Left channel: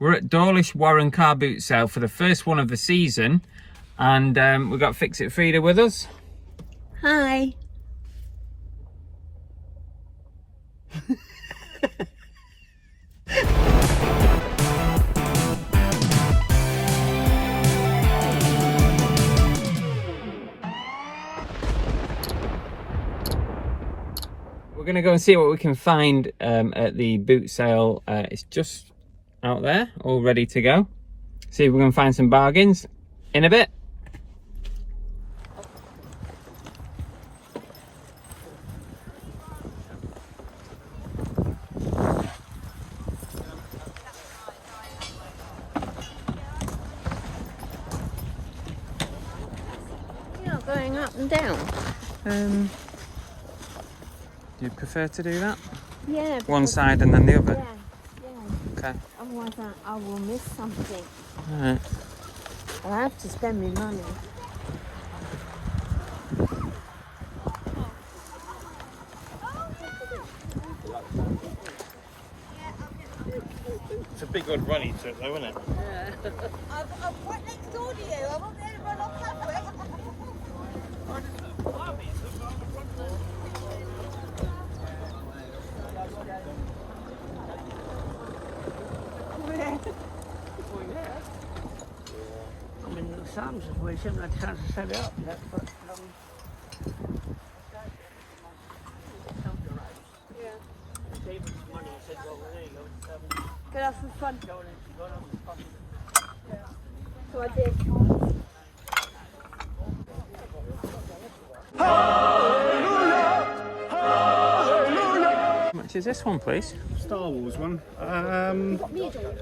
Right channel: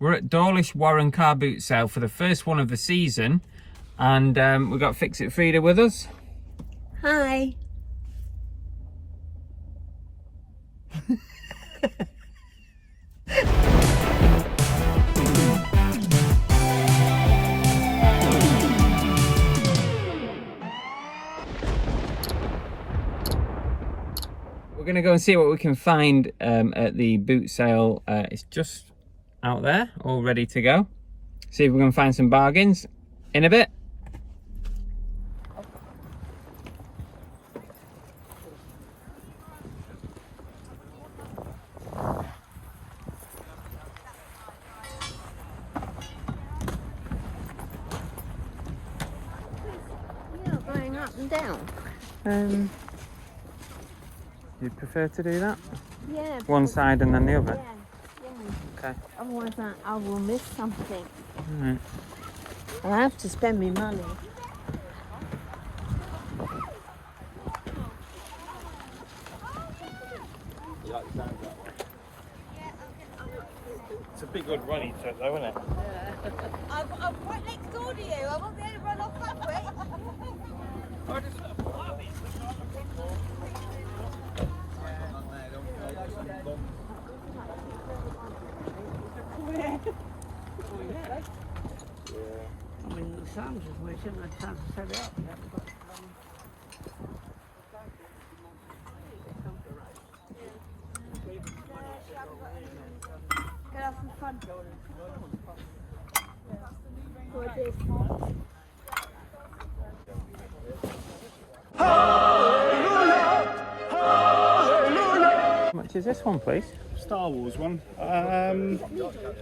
We're at Dawlish Warren car boot sale for the first one of the season, and we've got Fix It Frida with us. Hi. We're going to go and see what we can find at the boot sale. It's just out there, all ready to go. See if we can find some bargains in a bit. You're not going up and down. Do you prefer to do that? Yeah. One side and then the other? Yeah. Okay. Otherwise I will miss something. Alright. I have to spend my money. It's a big old runny trip though, isn't it? Yeah. I'm right next door to you. I won't be able to run off that Oh yeah. I mean, the sun's just went in, I tried to set it up. Get off the front. So I did. How much is this one, please? Star Wars one.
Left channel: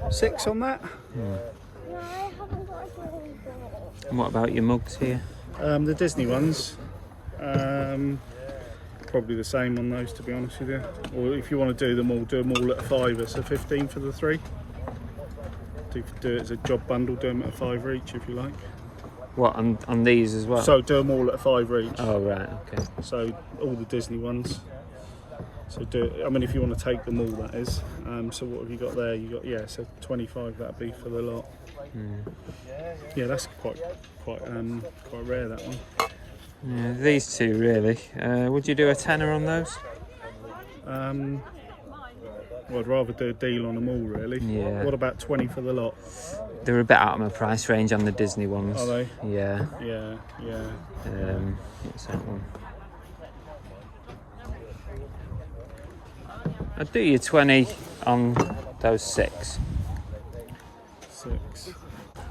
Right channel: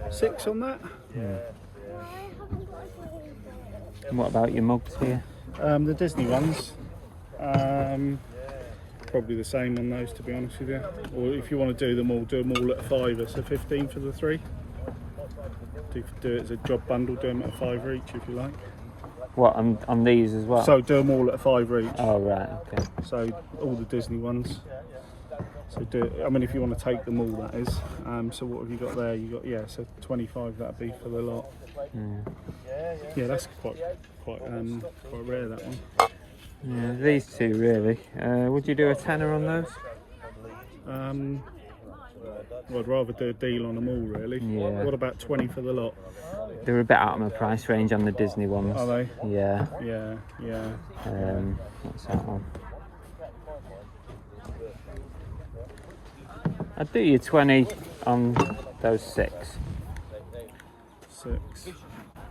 6 on that. And what about your mugs here? The Disney ones. Probably the same on those, to be honest with you. Or if you want to do them all at a £5. So 15 for the 3. Do it as a job bundle. Do them at a £5 each if you like. What, on these as well? So do them all at a £5 each. Oh, right, okay. So all the Disney ones. So do it, I mean, if you want to take them all, that is. So what have you got there? You got, yeah, so 25. That'd be for the lot. Yeah, that's quite rare, that one. Yeah, these two really. Would you do a tenner on those? Well, I'd rather do a deal on them all, really. Yeah. What about 20 for the lot? They're a bit out of my price range on the Disney ones. Are they? Yeah. Yeah. What's that one? I'd do you 20 on those 6. 6.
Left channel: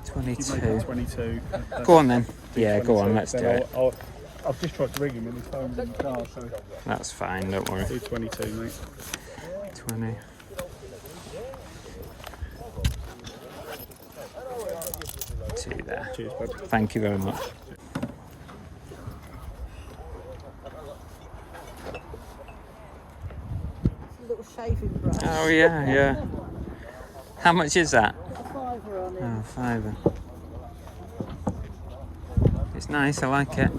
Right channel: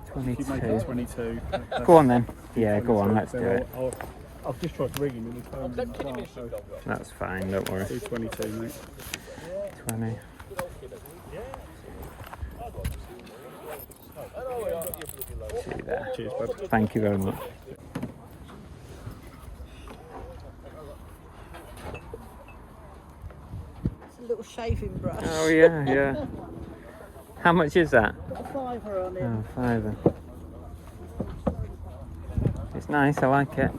22. You make it 22. Go on then. Yeah, go on, let's do it. I've just tried to ring him and his phone's in the car, so That's fine, don't worry. do 22, mate. 20. Two there. Cheers, bud. Thank you very much. Little shaving brush. Oh yeah, yeah. How much is that? £5 on it. Oh, £5. It's nice, I like it.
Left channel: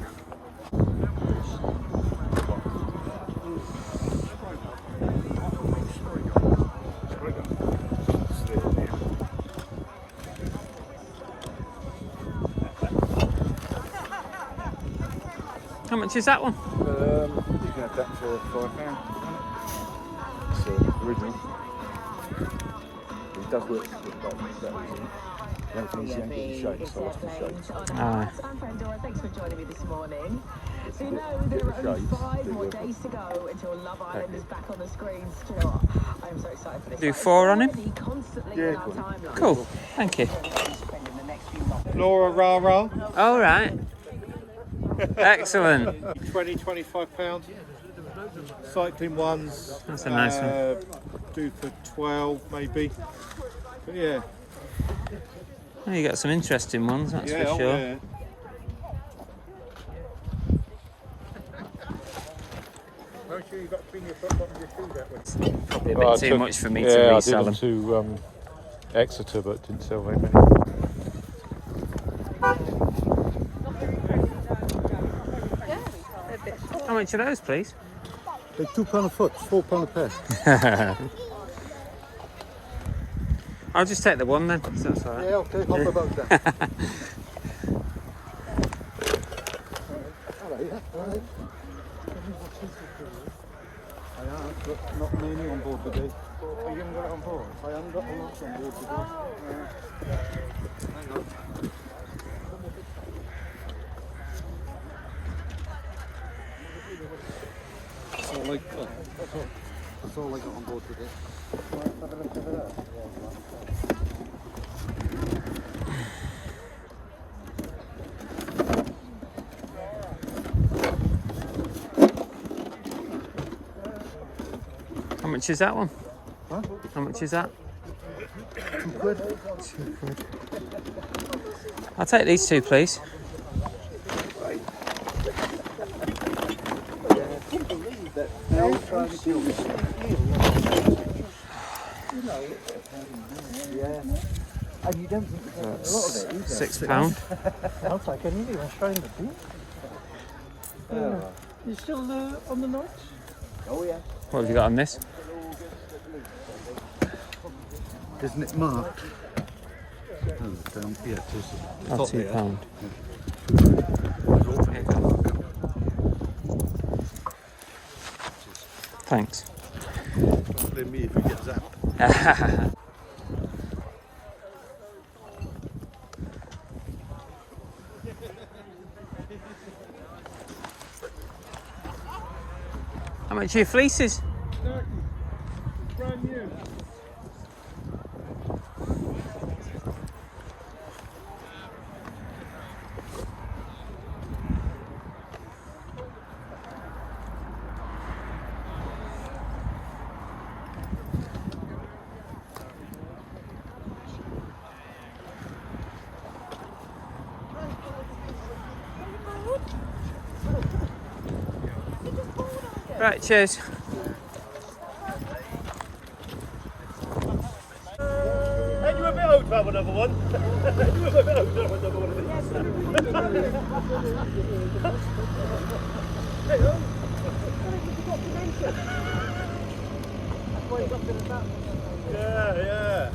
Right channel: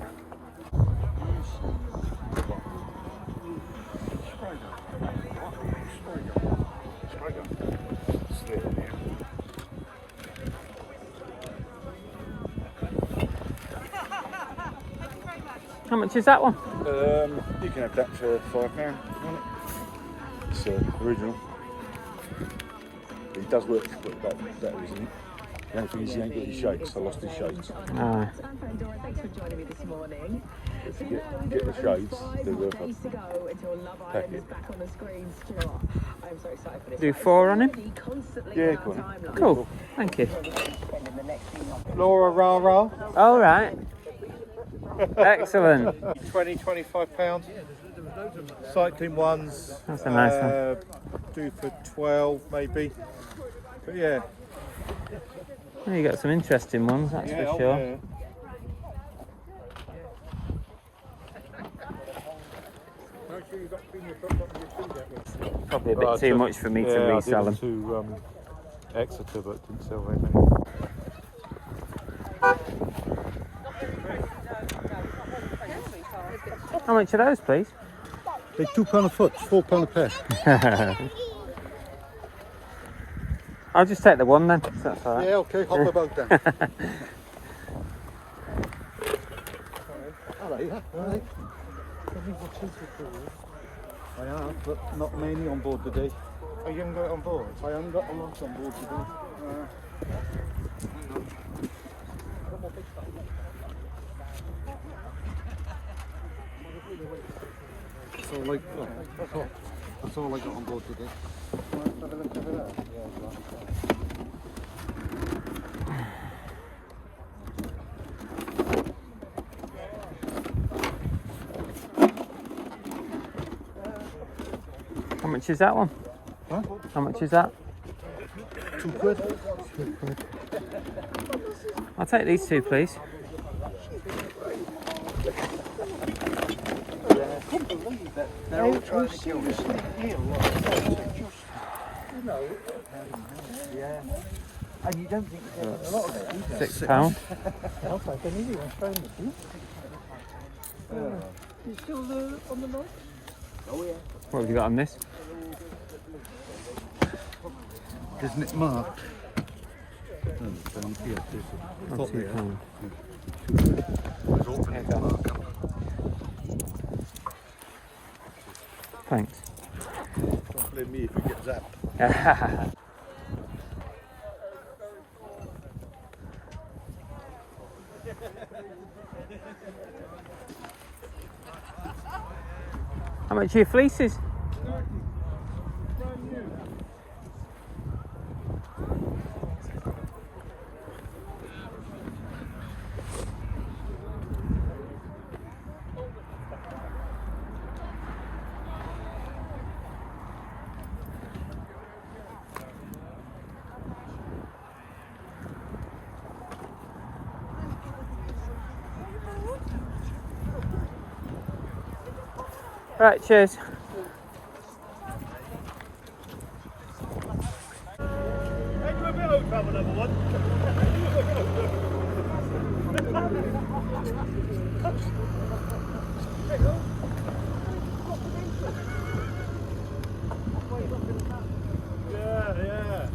How much is that one? You can have that for £5. It's original. It does work for that reason. The only thing is you don't get your shades, so I lost the shades. Ah. I'm Pandora, thanks for joining me this morning. So you know Get there the are only shades, 5 do more the- days to go until Love Island is back on the screens. Do you know what? I'm so excited for this. Do 4 on him? Constantly Yeah, in our cool. timeline. Cool, thank you. Spending the next few months. Laura Rara, All right. Excellent. 20, £25. Cycling ones. That's a nice one. Do for 12 maybe. But yeah. Well, you got some interesting ones, that's for sure. Yeah. Make sure you've got to bring your foot on your feet that way. Probably a bit too much for me to resell them. to Exeter, but didn't sell very many. How much are those, please? They're £2 a foot, £4 a pair. I'll just take the one then. So that's all right. Yeah, okay, hop about then. But not many on board today. You haven't got it on board? I haven't got them on board today. Hang on. That's all I got. That's all I got on board today. How much is that one? Huh? How much is that? £2. £2. I'll take these two, please. And you don't think That's a lot of it, is £6. there? I'll take anything. I'm trying to keep. You still on the knots? Oh yeah. What have you got on this? Isn't it marked? Oh, yeah, it is. Oh, £2. There you go. Thanks. Don't blame me if you get zapped. How much are your fleeces? Brand new. Right, cheers. Hey, you a bit out to have another one? You a bit out to have another one? Hey, ho. Yeah.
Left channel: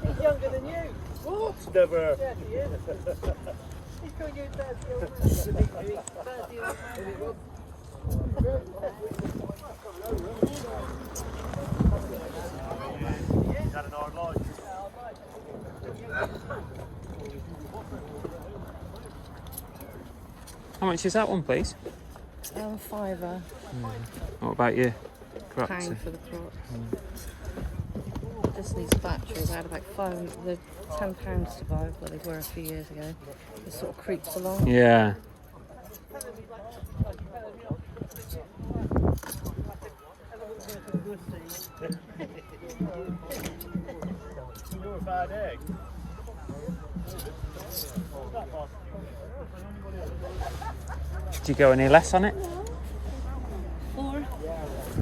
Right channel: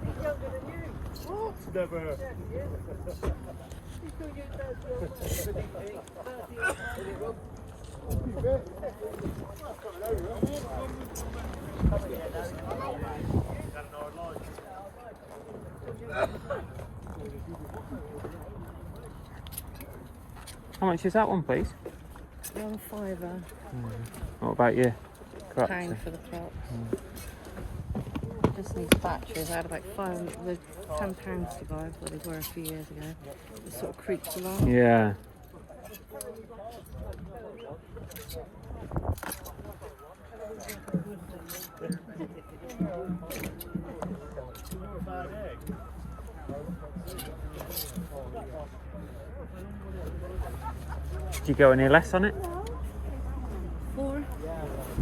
He's younger than you. What? Never. He's got you dad's How much is that one, please? £5. What about you? Pound for the crop. This needs batteries. I had about they're £10 to buy, what they were a few years ago. It sort of creeps along. Yeah. Did you go any less on it? 4.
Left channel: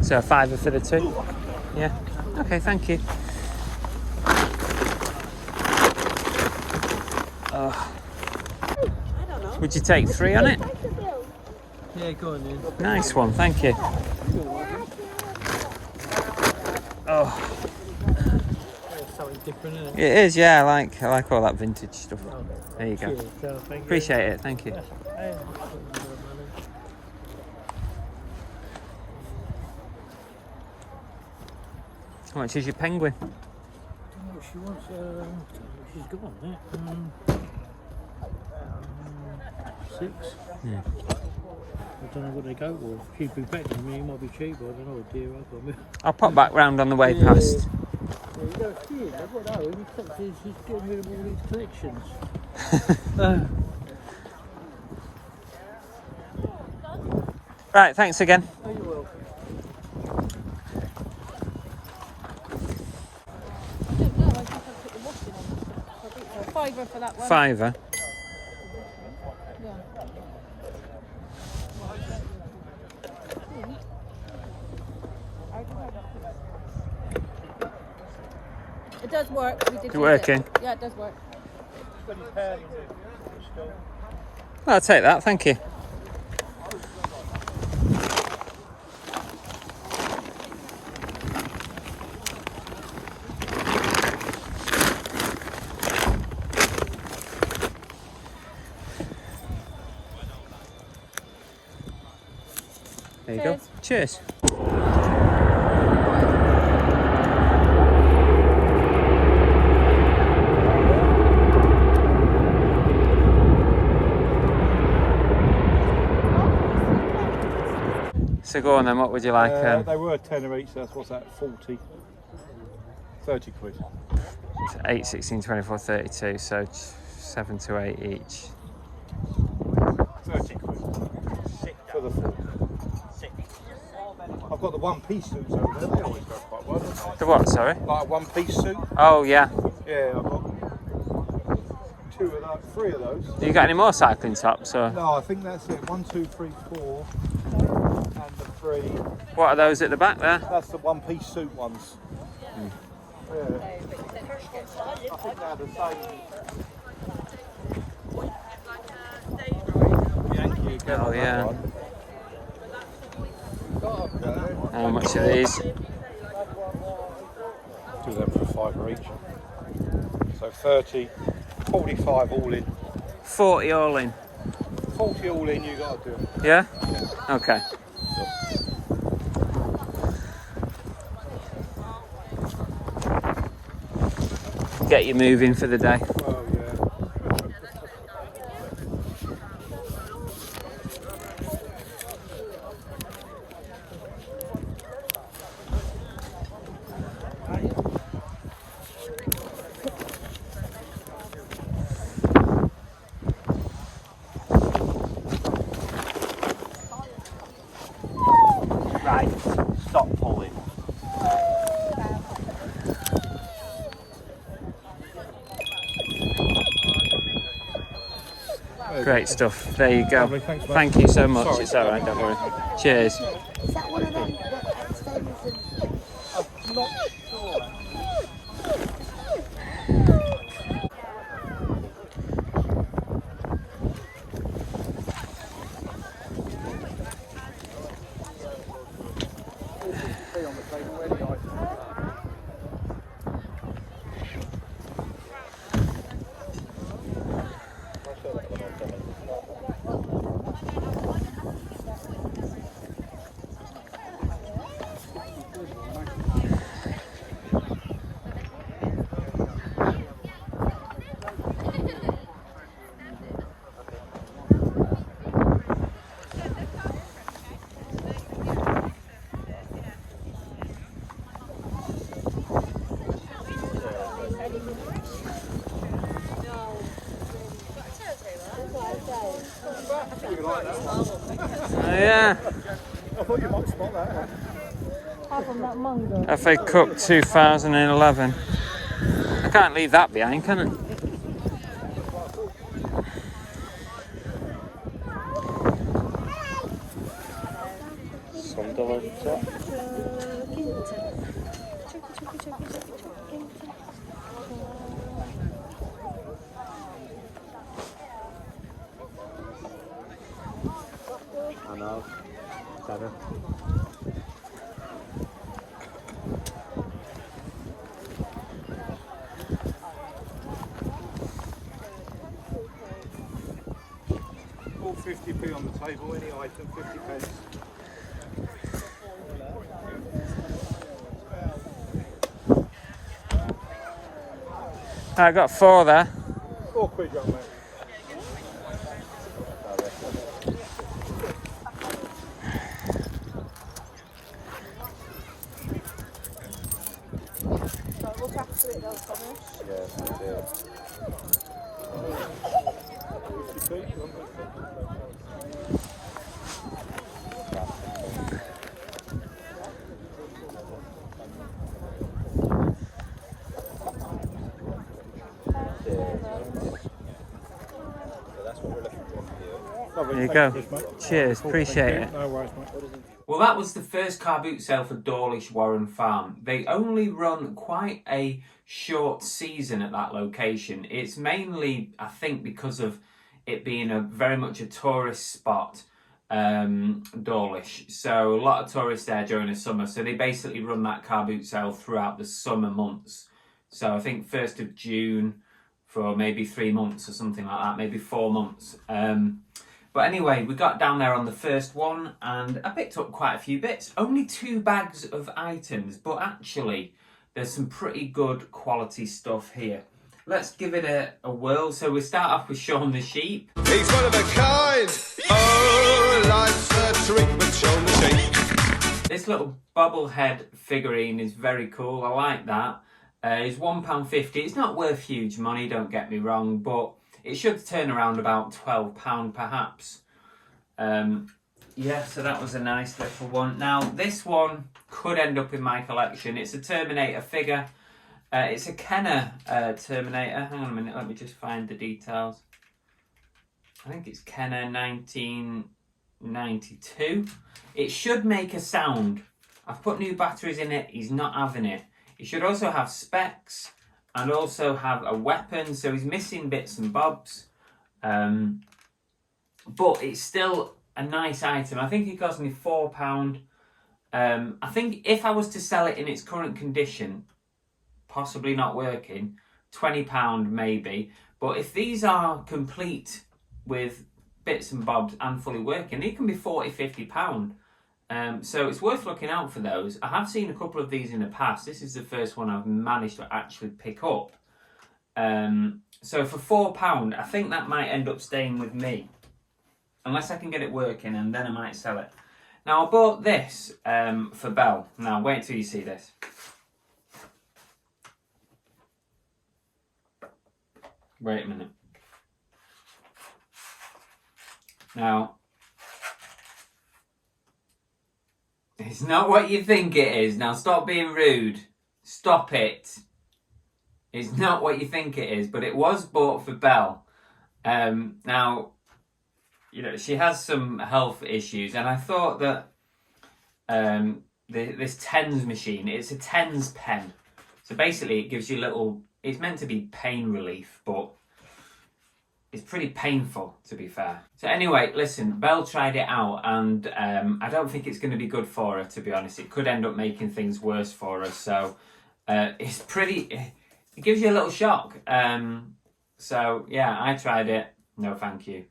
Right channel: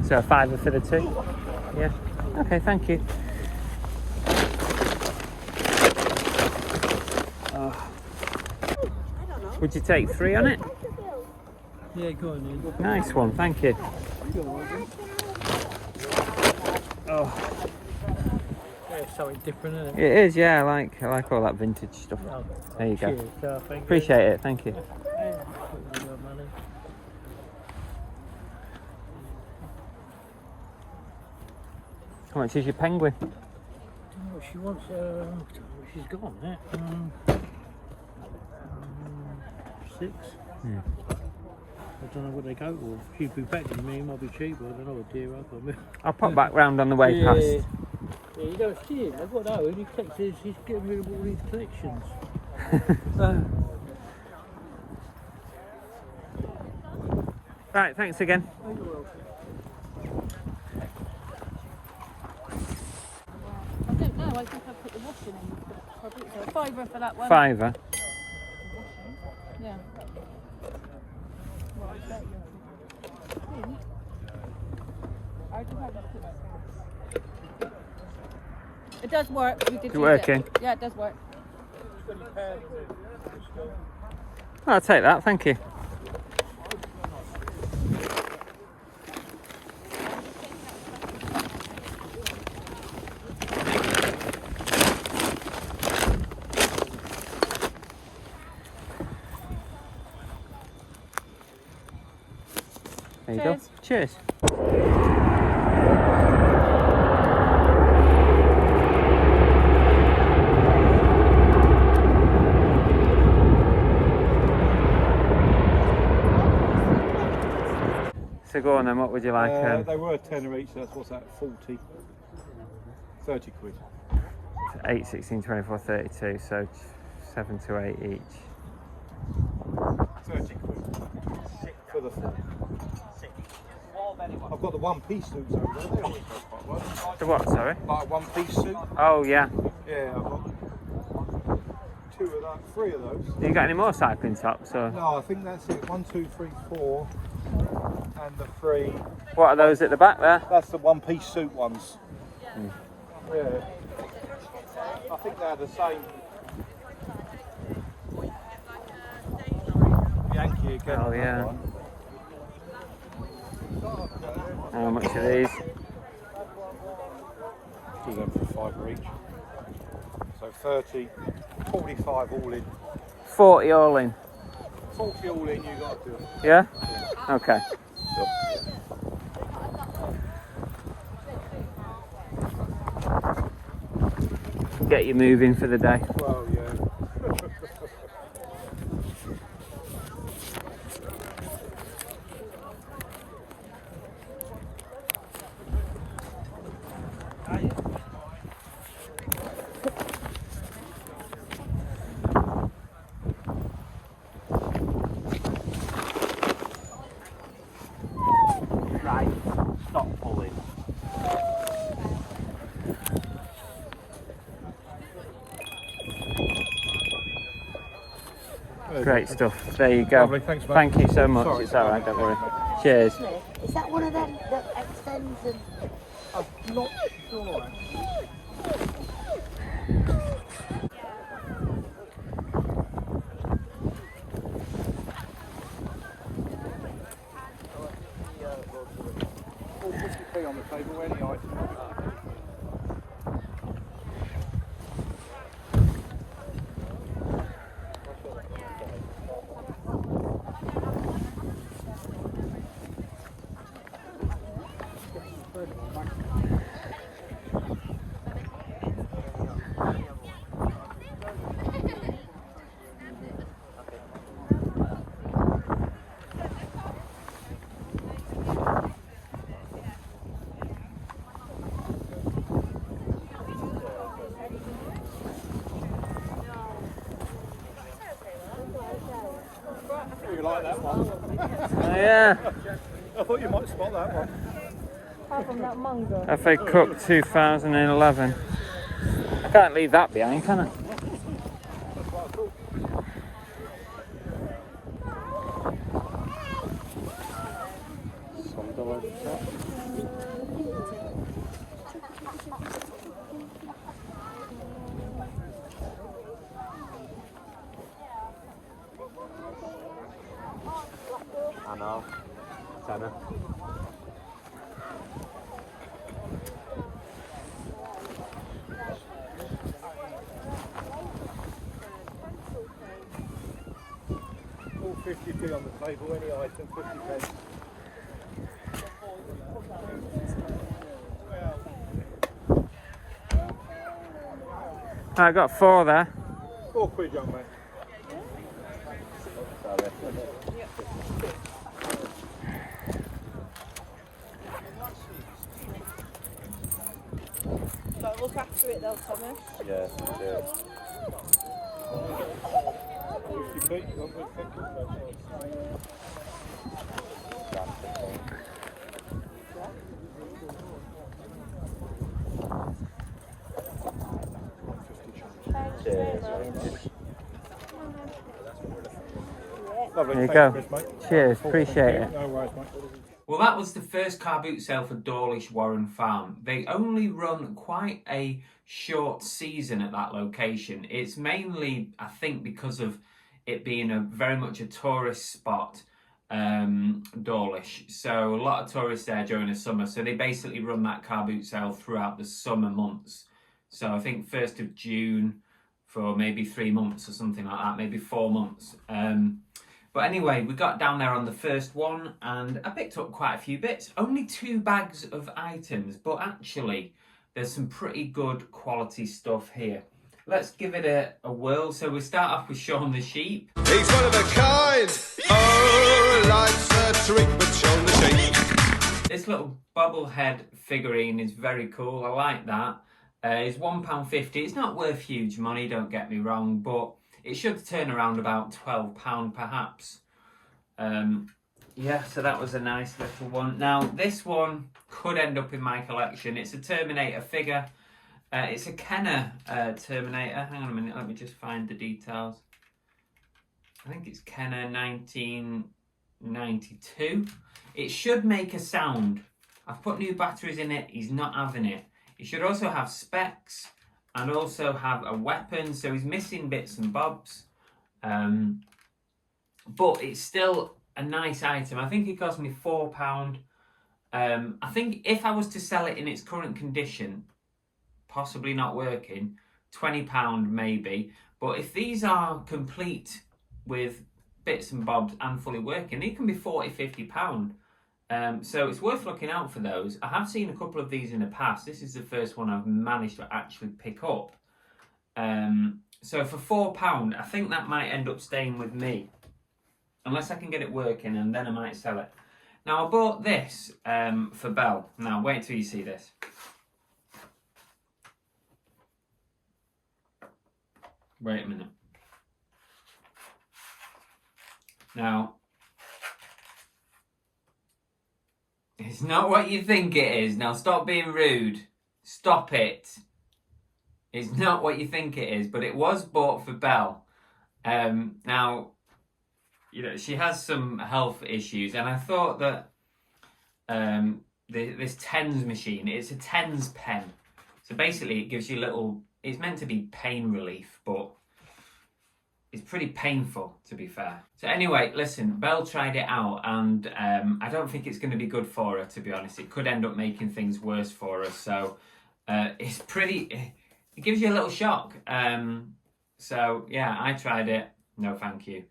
So a £5 for the two? Yeah. Okay, thank you. Would you take 3 on it? Yeah, go on then. Nice one, thank you. Oh, Something different, isn't it? it is, yeah. I like all that vintage stuff. There you go. Thank you. Appreciate it, thank you. How much is your penguin? Oh, she wants, she's gone, yeah. 6. Hmm. I don't know what they go for. She'd be better than me, it might be cheaper, I don't know, dear, I've got me. I'll pop back round on the way Yeah. past. Yeah, you don't see it, I've got that, he kept his, he's getting rid of all these collections. Right, thanks again. £5 for that one. £5. Yeah. It does work. We did It's use working? it. Yeah, it does work. I'll take that, thank you. There you go. Cheers. So go on then, what would you like? They were a tenner each, so that's what's that, 40, 30 quid. 8, 16, 24, 32, so 7 to 8 each. 30 quid for the 4. I've got the one-piece suits over there, they always go quite well, don't they? The what, sorry? Like a one-piece suit. Oh, yeah. Yeah, I've got 2 of those, 3 of those. You got any more cycling tops? Or? No, I think that's it. 1, 2, 3, 4, and the 3. What are those at the back there? That's the one-piece suit ones. Hmm. Yeah. I think they're the same. Yankee again. Oh, on that yeah. one. How much are these? Do them for £5 each. So 30, 45 all in. 40 all in. 40 all in, you got to do it. Yeah? Okay. Get you moving for the day. Well, yeah. Right, stop pulling. Great stuff. There you go. Lovely, thanks, mate. Thank you so much. Sorry, It's all right, don't worry. Cheers. Is that one of them that extends and... I'm not sure. Oh, yeah. I thought you might spot that one. FA Cup 2011. I can't leave that behind, can I? All 50p on the table, any item, 50 pence. I got 4 there. £4, young man. Look after it though, Thomas. Yeah, yeah. 50p, you want me to Lovely, There you thanks, go. Chris, mate. Cheers, Cool, appreciate thank you. it. No worries, mate. Well, that was the first car boot sale for Dawlish Warren Farm. They only run quite a short season at that location. It's mainly, I think, because of it being a very much a tourist spot, Dawlish. So a lot of tourists there during the summer. So they basically run that car boot sale throughout the summer months. So I think 1st of June for maybe 3 months or something like that, maybe 4 months. But anyway, we got down there on the first one and I picked up quite a few bits. Only 2 bags of items, but actually there's some pretty good quality stuff here. Let's give it a whirl. So we start off with Shaun the Sheep. He's one of a kind. Oh, life's a trick, but Shaun the Sheep. This little bobblehead figurine is very cool. I like that. It's £1.50. It's not worth huge money, don't get me wrong, but it should turn around about £12 perhaps. Yeah, so that was a nice little one. Now, this one could end up in my collection. It's a Terminator figure. It's a Kenner Terminator. Hang on a minute, let me just find the details. I think it's Kenner 1992. It should make a sound. I've put new batteries in it, he's not having it. It should also have specs and also have a weapon, so he's missing bits and bobs. But it's still a nice item. I think it cost me £4. I think if I was to sell it in its current condition, possibly not working, £20 maybe. But if these are complete with bits and bobs and fully working, they can be £40, £50. So it's worth looking out for those. I have seen a couple of these in the past. This is the first one I've managed to actually pick up. So for £4, I think that might end up staying with me. Unless I can get it working, and then I might sell it. Now, I bought this for Belle. Now, wait till you see this. Wait a minute. Now, it's not what you think it is. Now, stop being rude. Stop it. It's not what you think it is, but it was bought for Belle. Now, you know, she has some health issues, and I thought that this TENS machine, it's a TENS pen. So basically, it gives you little, it's meant to be pain relief, but it's pretty painful, to be fair. So anyway, listen, Belle tried it out, and I don't think it's going to be good for her, to be honest. It could end up making things worse for her. So it's pretty, it gives you a little shock. So yeah, I tried it. No, thank you.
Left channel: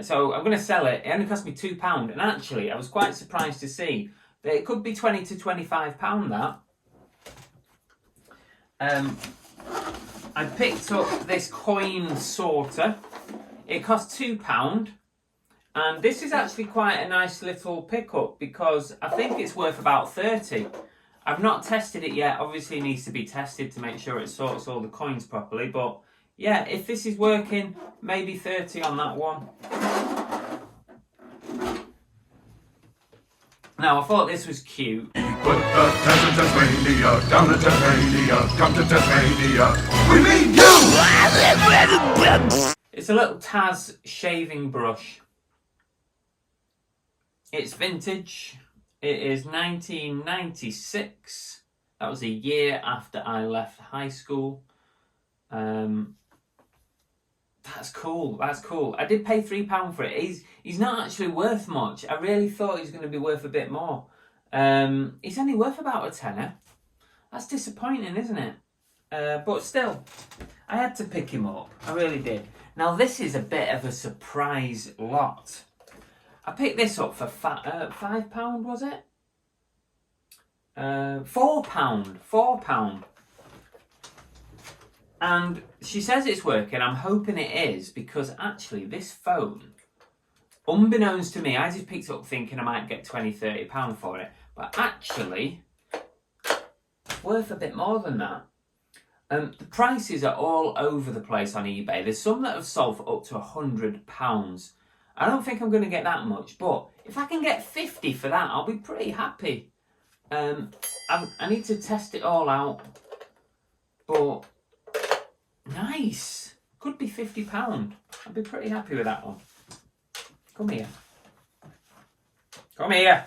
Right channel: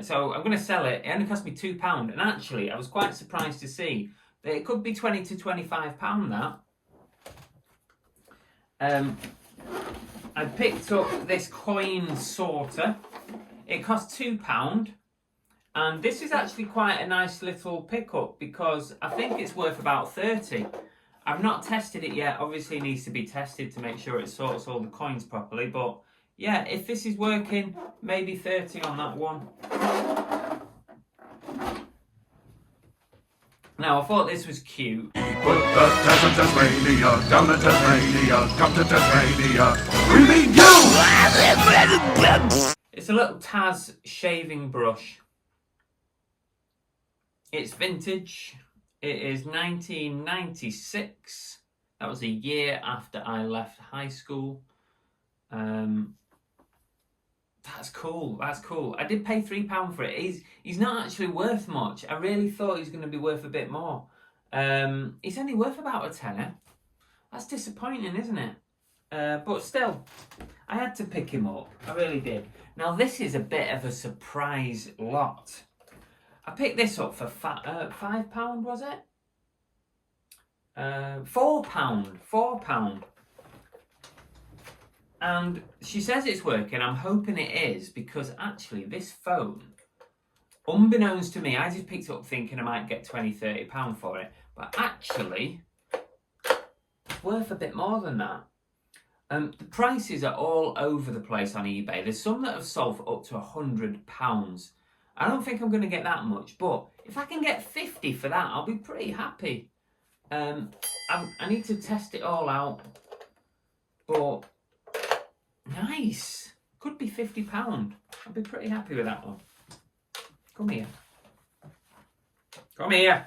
So I'm going to sell it. It only cost me £2. And actually, I was quite surprised to see that it could be £20 to £25 that. I picked up this coin sorter. It cost £2. And this is actually quite a nice little pickup because I think it's worth about 30. I've not tested it yet. Obviously, it needs to be tested to make sure it sorts all the coins properly. But yeah, if this is working, maybe 30 on that one. Now, I thought this was cute. Put the Tasmania down to Tasmania, come to Tasmania. We mean you! It's a little Taz shaving brush. It's vintage. It is 1996. That was a year after I left high school. That's cool. That's cool. I did pay £3 for it. He's not actually worth much. I really thought he's going to be worth a bit more. He's only worth about a tenner. That's disappointing, isn't it? But still, I had to pick him up. I really did. Now, this is a bit of a surprise lot. I picked this up for £5, was it? £4. £4. And she says it's working. I'm hoping it is, because actually this phone, unbeknownst to me, I just picked it up thinking I might get £20, £30 for it. But actually, it's worth a bit more than that. The prices are all over the place on eBay. There's some that have sold for up to £100. I don't think I'm going to get that much, but if I can get 50 for that, I'll be pretty happy. I need to test it all out, but nice. Could be £50. I'll be pretty happy with that one. Come here. Come here.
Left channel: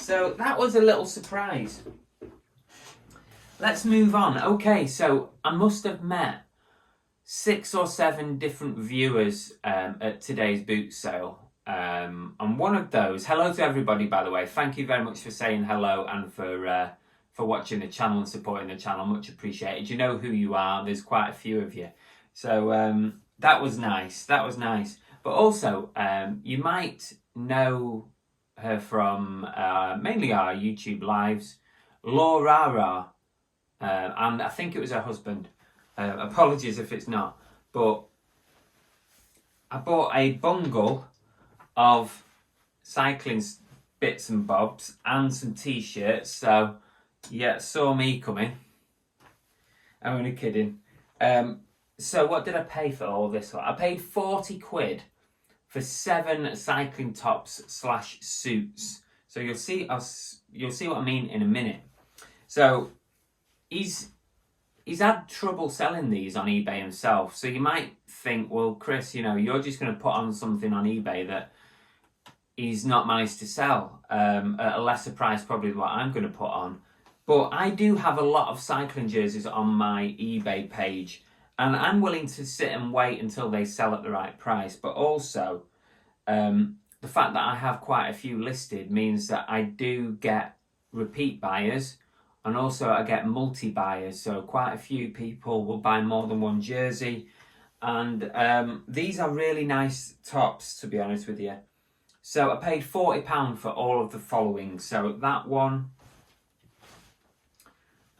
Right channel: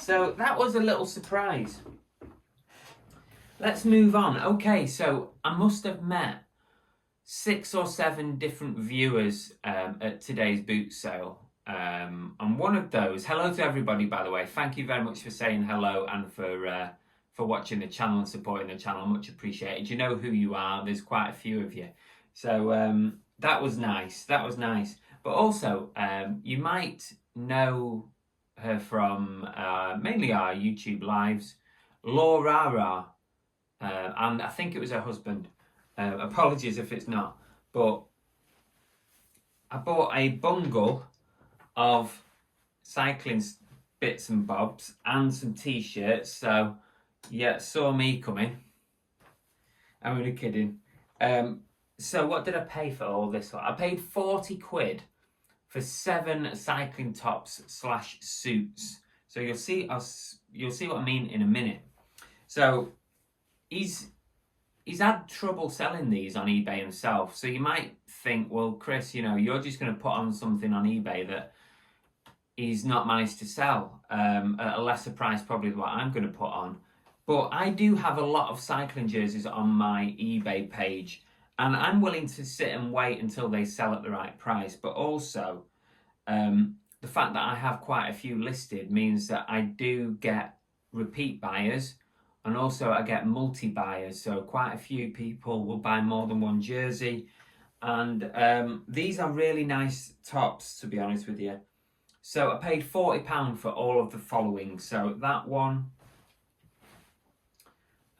So that was a little surprise. Let's move on. Okay, so I must have met 6 or 7 different viewers at today's boot sale. And one of those, hello to everybody, by the way. Thank you very much for saying hello and for watching the channel and supporting the channel. Much appreciated. You know who you are. There's quite a few of you. So that was nice. That was nice. But also, you might know her from mainly our YouTube lives, Laura, and I think it was her husband. Apologies if it's not. But I bought a bungle of cycling bits and bobs and some t-shirts. So yeah, saw me coming. I'm only kidding. So what did I pay for all this? I paid 40 quid for 7 cycling tops / suits. So you'll see what I mean in a minute. So he's had trouble selling these on eBay himself. So you might think, well, Chris, you know, you're just going to put on something on eBay that he's not managed to sell at a lesser price probably than what I'm going to put on. But I do have a lot of cycling jerseys on my eBay page, and I'm willing to sit and wait until they sell at the right price. But also, the fact that I have quite a few listed means that I do get repeat buyers, and also I get multi-buyers. So quite a few people will buy more than one jersey. And these are really nice tops, to be honest with you. So I paid £40 for all of the following. So that one...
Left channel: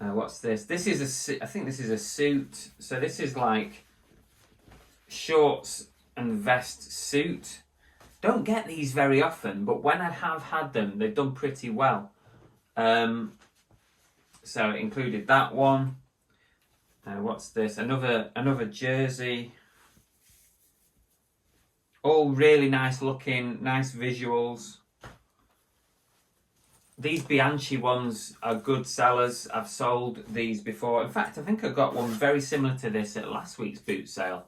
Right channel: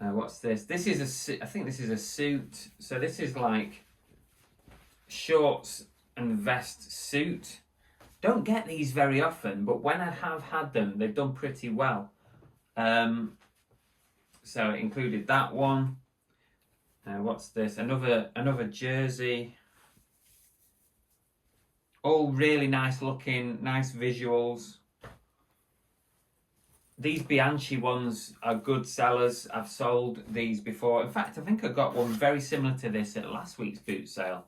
what's this? This is I think this is a suit. So this is like shorts and vest suit. Don't get these very often, but when I have had them, they've done pretty well. So it included that one. What's this? Another jersey. All really nice looking, nice visuals. These Bianchi ones are good sellers. I've sold these before. In fact, I think I got one very similar to this at last week's boot sale.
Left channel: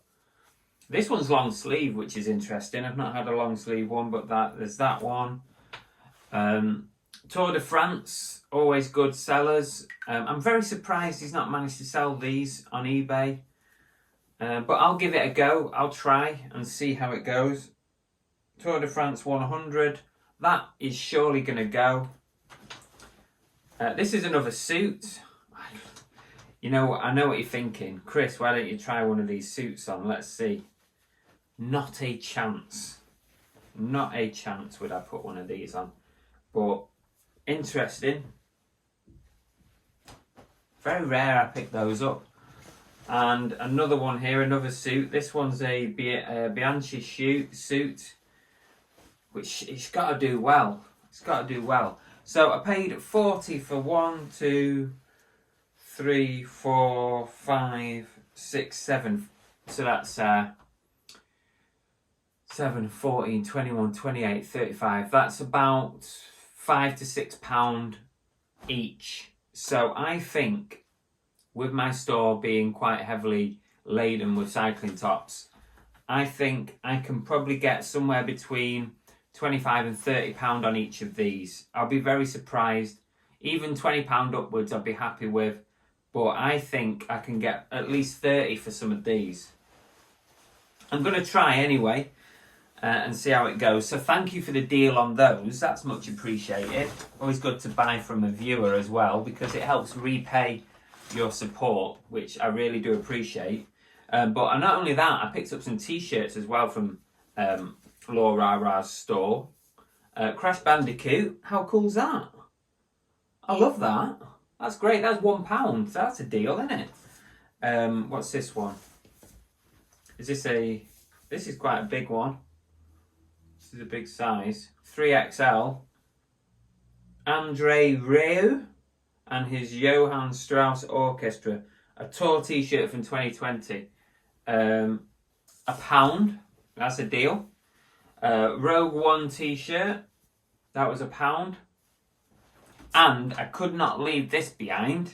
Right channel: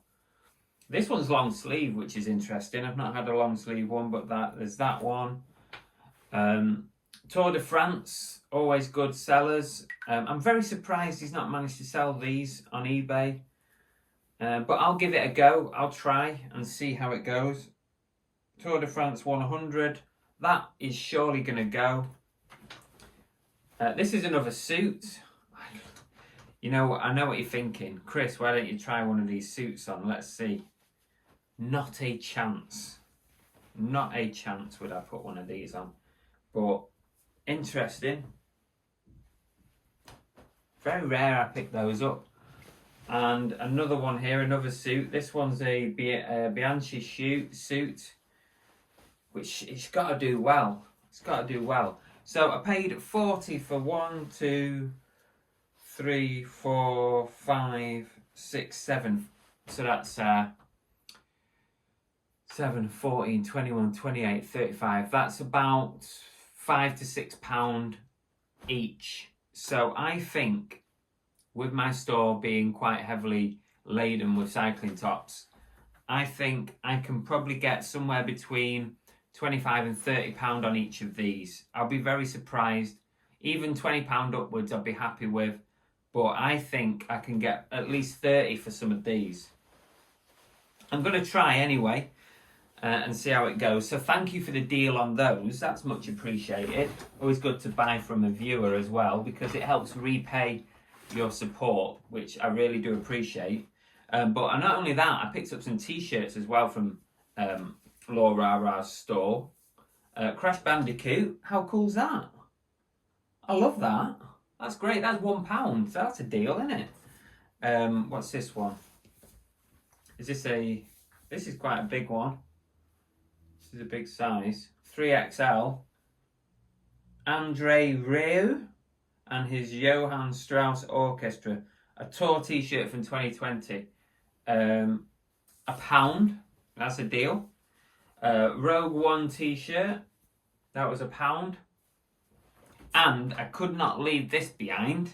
This one's long sleeve, which is interesting. I've not had a long sleeve one, but there's that one. Tour de France, always good sellers. I'm very surprised he's not managed to sell these on eBay. But I'll give it a go. I'll try and see how it goes. Tour de France 100. That is surely going to go. This is another suit. You know, I know what you're thinking. Chris, why don't you try one of these suits on? Let's see. Not a chance. Not a chance would I put one of these on. But interesting. Very rare I pick those up. And another one here, another suit. This one's a Bianchi suit, which it's got to do well. It's got to do well. So I paid 40 for 1, 2, 3, 4, 5, 6, 7. So that's 7, 14, 21, 28, 35. That's about £5 to £6 each. So I think with my store being quite heavily laden with cycling tops, I think I can probably get somewhere between £25 and £30 on each of these. I'll be very surprised. Even £20 upwards I'll be happy with. But I think I can get at least 30 for some of these. I'm going to try anyway and see how it goes. So thank you for the deal on those. That's much appreciated. Always good to buy from a viewer as well, because it helps repay your support, which I really do appreciate. But not only that, I picked up some t-shirts as well from Laura's store. Crash Bandicoot, how cool's that? I love that. That's great. That's £1. That's a deal, isn't it? What's this one? This is quite a big one. This is a big size. 3XL. Andre Rieu and his Johann Strauss Orchestra. A tour t-shirt from 2020. £1. That's a deal. Rogue One t-shirt. That was £1. And I could not leave this behind.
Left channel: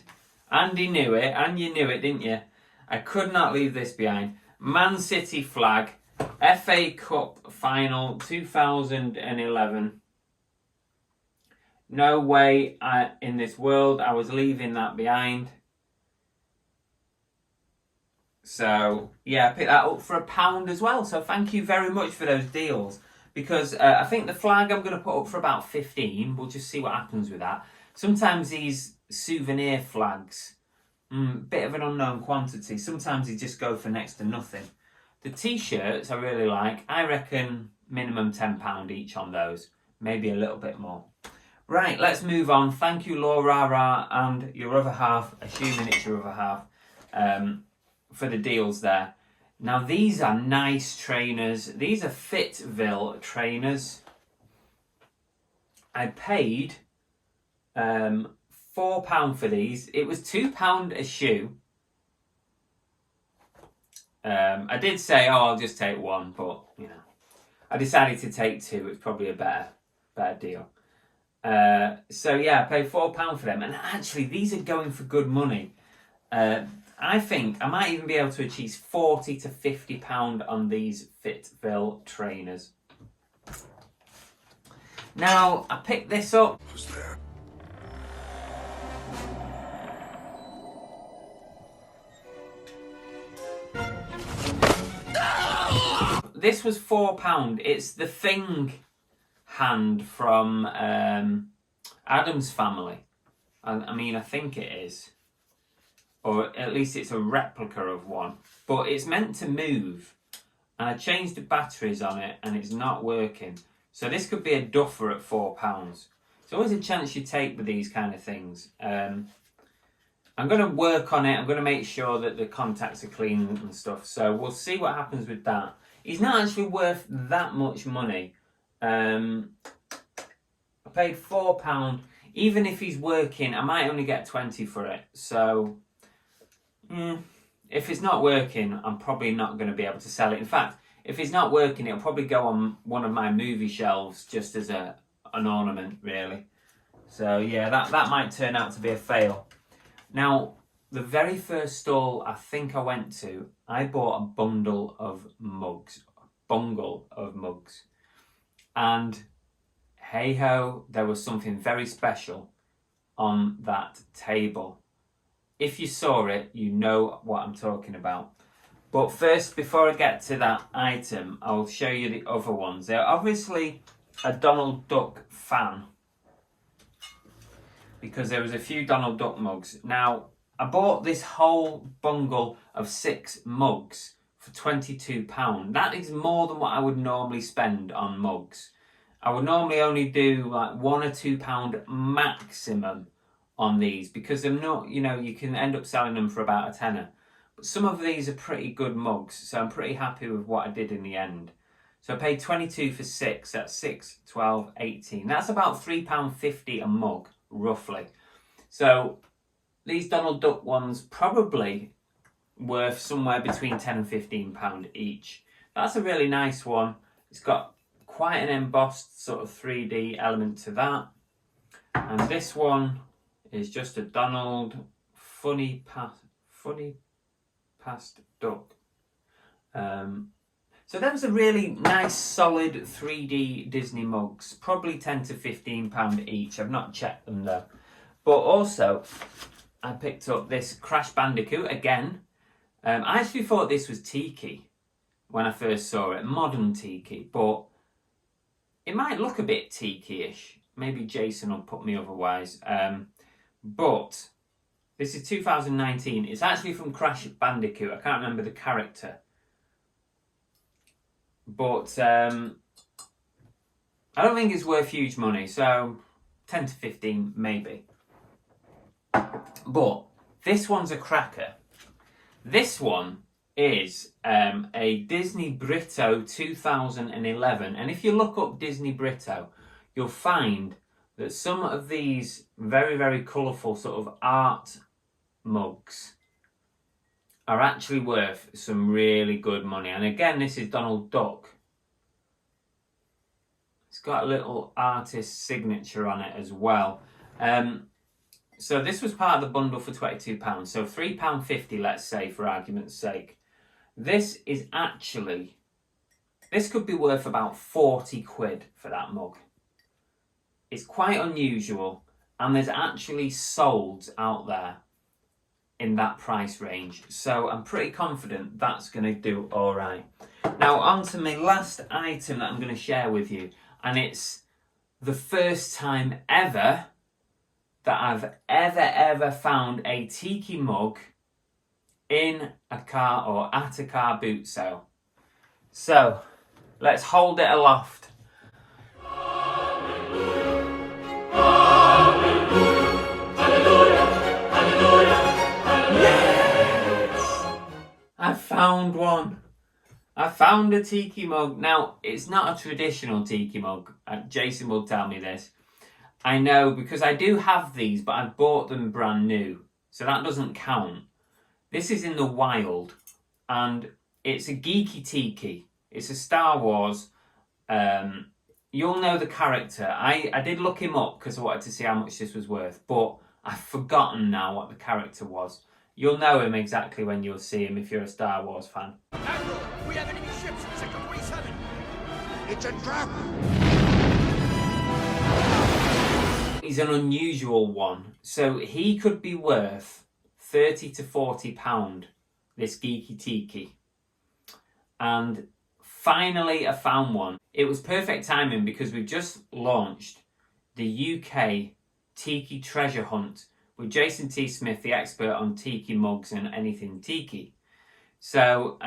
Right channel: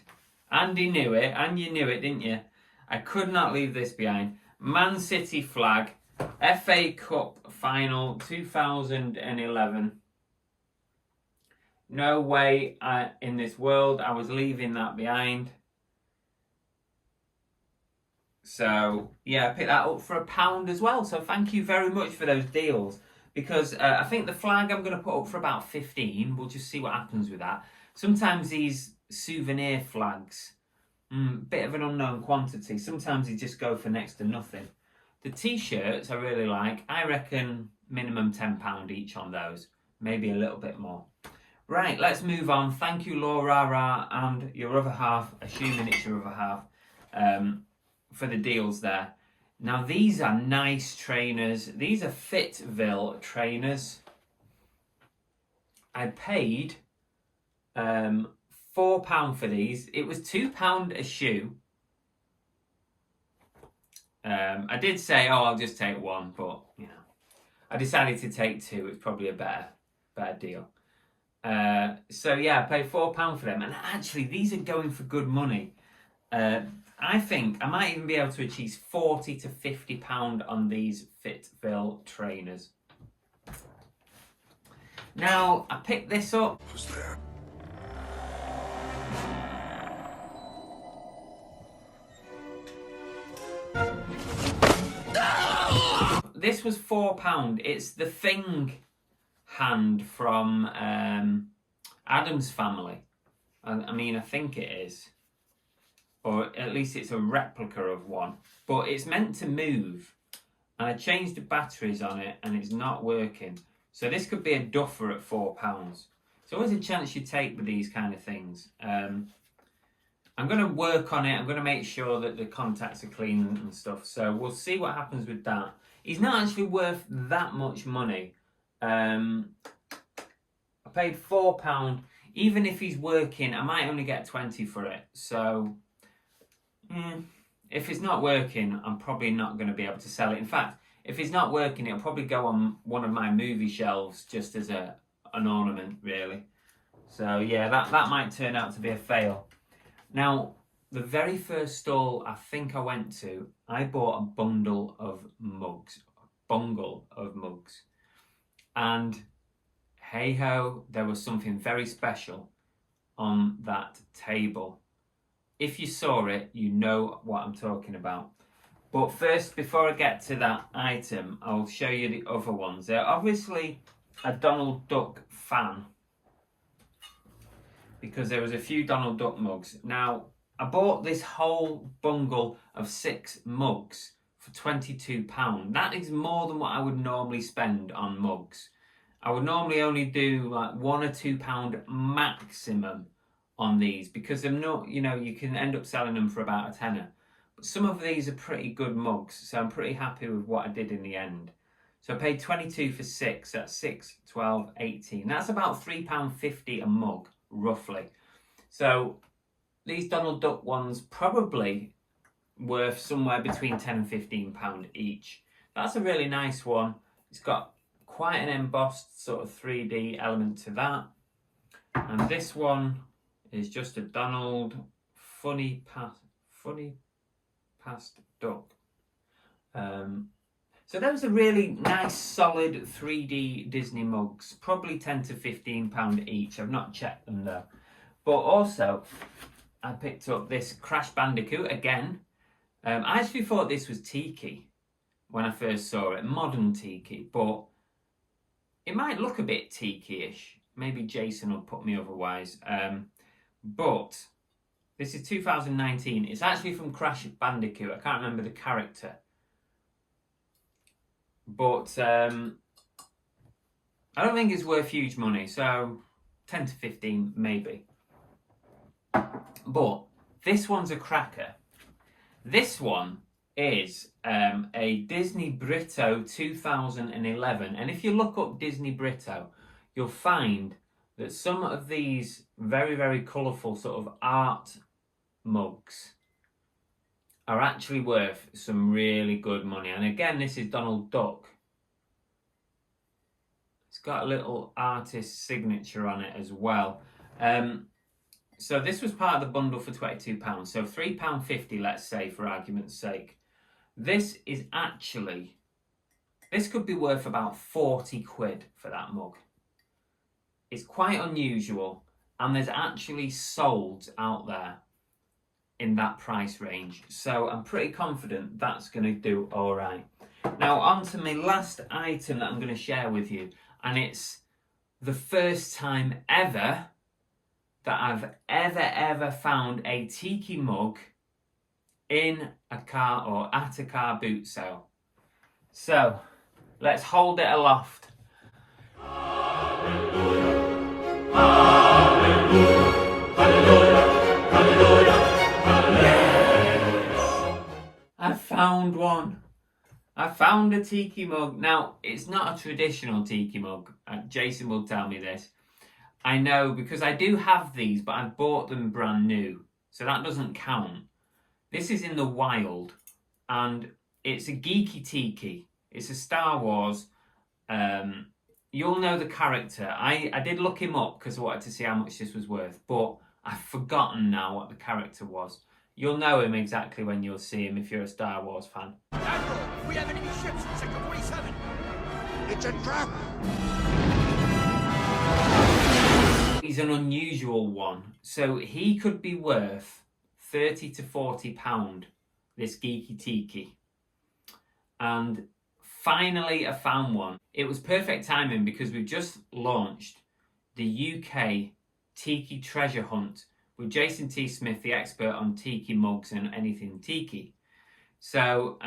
Andy knew it, and you knew it, didn't you? I could not leave this behind. Man City flag, FA Cup final 2011. No way in this world I was leaving that behind. So yeah, I picked that up for £1 as well. So thank you very much for those deals. Because I think the flag I'm going to put up for about 15. We'll just see what happens with that. Sometimes these souvenir flags bit of an unknown quantity. Sometimes you just go for next to nothing. The t-shirts I really like. I reckon minimum £10 each on those. Maybe a little bit more. Right, let's move on. Thank you, Laura and your other half, assuming it's your other half, for the deals there. Now, these are nice trainers. These are Fitville Trainers. I paid £4 for these. It was £2 a shoe. I did say, oh, I'll just take one, but, you know, I decided to take two. It's probably a better deal. So, yeah, I paid £4 for them. And actually, these are going for good money. I think I might even be able to achieve £40 to £50 on these Fitville Trainers. Now, I picked this up. Who's there? This was £4. It's the Thing hand from Adam's Family. I mean, I think it is. Or at least it's a replica of one. But it's meant to move. And I changed the batteries on it and it's not working. So this could be a duffer at £4. It's always a chance you take with these kind of things. I'm going to work on it. I'm going to make sure that the contacts are clean and stuff. So we'll see what happens with that. He's not actually worth that much money. I paid £4. Even if he's working, I might only get 20 for it. So, if it's not working, I'm probably not going to be able to sell it. In fact, if it's not working, it'll probably go on one of my movie shelves just as an ornament, really. So, yeah, that might turn out to be a fail. Now, the very first stall I think I went to, I bought a bundle of mugs. And hey ho, there was something very special on that table. If you saw it, you know what I'm talking about. But first, before I get to that item, I'll show you the other ones. They're obviously a Donald Duck fan, because there was a few Donald Duck mugs. Now, I bought this whole bundle of 6 mugs for £22. That is more than what I would normally spend on mugs. I would normally only do like £1 or £2 maximum on these, because they're not, you know, you can end up selling them for about a tenner. But some of these are pretty good mugs, so I'm pretty happy with what I did in the end. So I paid 22 for 6, that's 6, 12, 18. That's about £3.50 a mug, roughly. So these Donald Duck ones probably worth somewhere between £10 and £15 each. That's a really nice one. It's got quite an embossed sort of 3D element to that. And this one is just a Donald funny past duck. So those are really nice, solid 3D Disney mugs. Probably £10 to £15 each. I've not checked them though. But also, I picked up this Crash Bandicoot again. I actually thought this was Tiki when I first saw it, modern Tiki, but it might look a bit Tiki-ish. Maybe Jason will put me otherwise. But this is 2019. It's actually from Crash Bandicoot. I can't remember the character. But I don't think it's worth huge money, so 10 to 15 maybe. But this one's a cracker. This one is a Disney Brito 2011. And if you look up Disney Brito, you'll find that some of these very, very colourful sort of art mugs are actually worth some really good money. And again, this is Donald Duck. It's got a little artist signature on it as well. So this was part of the bundle for £22. So £3.50, let's say, for argument's sake. This is actually, this could be worth about 40 quid for that mug. It's quite unusual, and there's actually solds out there in that price range. So I'm pretty confident that's going to do all right. Now on to my last item that I'm going to share with you, and it's the first time ever that I've ever found a Tiki Mug in a car or at a car boot sale. So let's hold it aloft. Yes! I found one. I found a Tiki Mug. Now, it's not a traditional Tiki Mug. Jason will tell me this. I know, because I do have these, but I've bought them brand new. So that doesn't count. This is in the wild. And it's a geeky Tiki. It's a Star Wars. You'll know the character. I did look him up because I wanted to see how much this was worth. But I've forgotten now what the character was. You'll know him exactly when you'll see him if you're a Star Wars fan. Admiral, we have enemy ships in Sector 47. It's a trap. He's an unusual one. So he could be worth £30 to £40, this geeky Tiki. And finally I found one. It was perfect timing because we've just launched the UK Tiki Treasure Hunt with Jason T. Smith, the expert on Tiki mugs and anything Tiki. So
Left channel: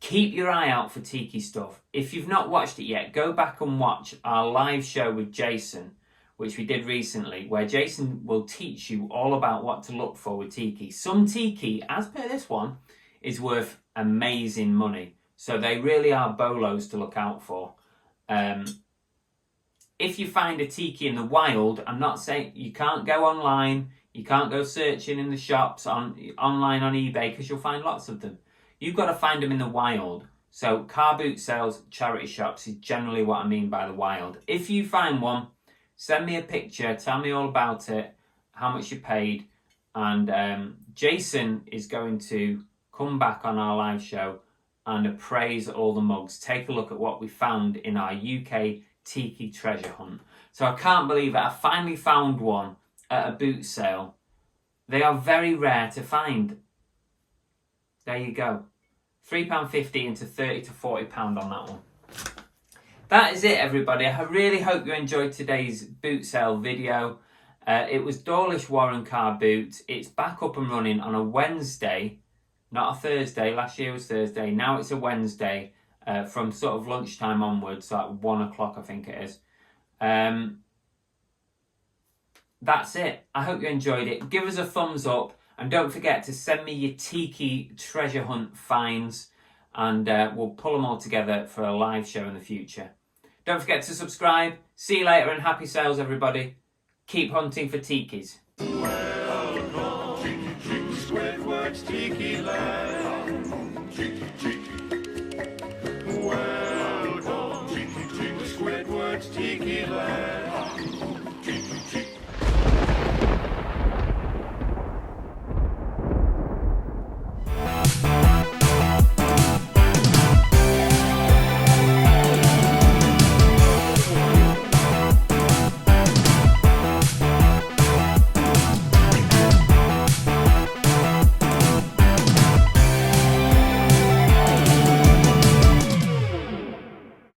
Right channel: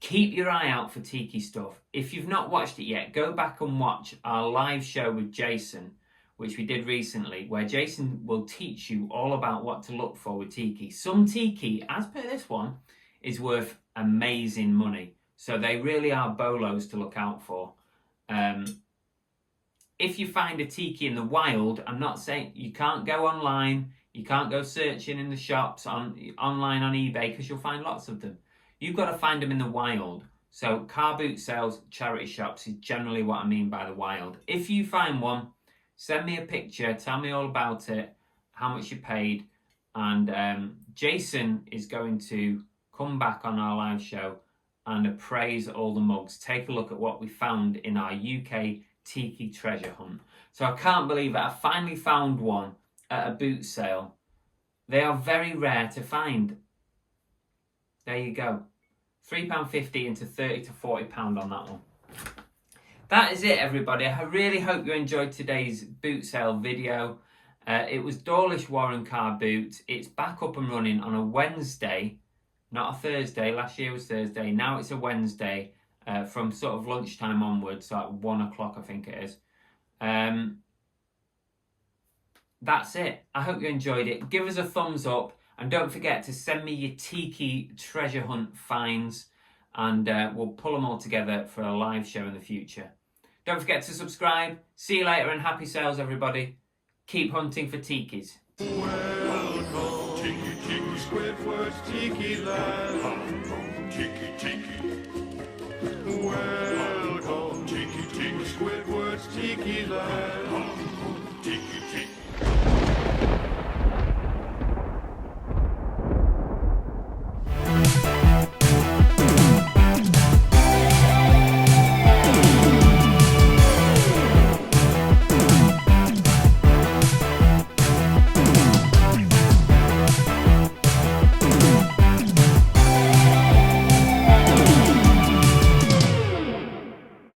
keep your eye out for Tiki stuff. If you've not watched it yet, go back and watch our live show with Jason, which we did recently, where Jason will teach you all about what to look for with Tiki. Some Tiki, as per this one, is worth amazing money. So they really are bolos to look out for. If you find a Tiki in the wild, I'm not saying you can't go online, you can't go searching in the shops online on eBay, because you'll find lots of them. You've got to find them in the wild. So car boot sales, charity shops is generally what I mean by the wild. If you find one, send me a picture, tell me all about it, how much you paid, and Jason is going to come back on our live show and appraise all the mugs. Take a look at what we found in our UK Tiki treasure hunt. So I can't believe it. I finally found one at a boot sale. They are very rare to find. There you go. £3.50 into £30 to £40 on that one. That is it, everybody. I really hope you enjoyed today's boot sale video. It was Dawlish Warren car boot. It's back up and running on a Wednesday, not a Thursday. Last year was Thursday. Now it's a Wednesday. From sort of lunchtime onwards, like 1 o'clock, I think it is. That's it. I hope you enjoyed it. Give us a thumbs up, and don't forget to send me your Tiki treasure hunt finds, and we'll pull them all together for a live show in the future. Don't forget to subscribe. See you later, and happy sales, everybody. Keep hunting for Tikis. Welcome, Tiki, Tiki, Squidward's Tiki Land. Tiki, Tiki. Well,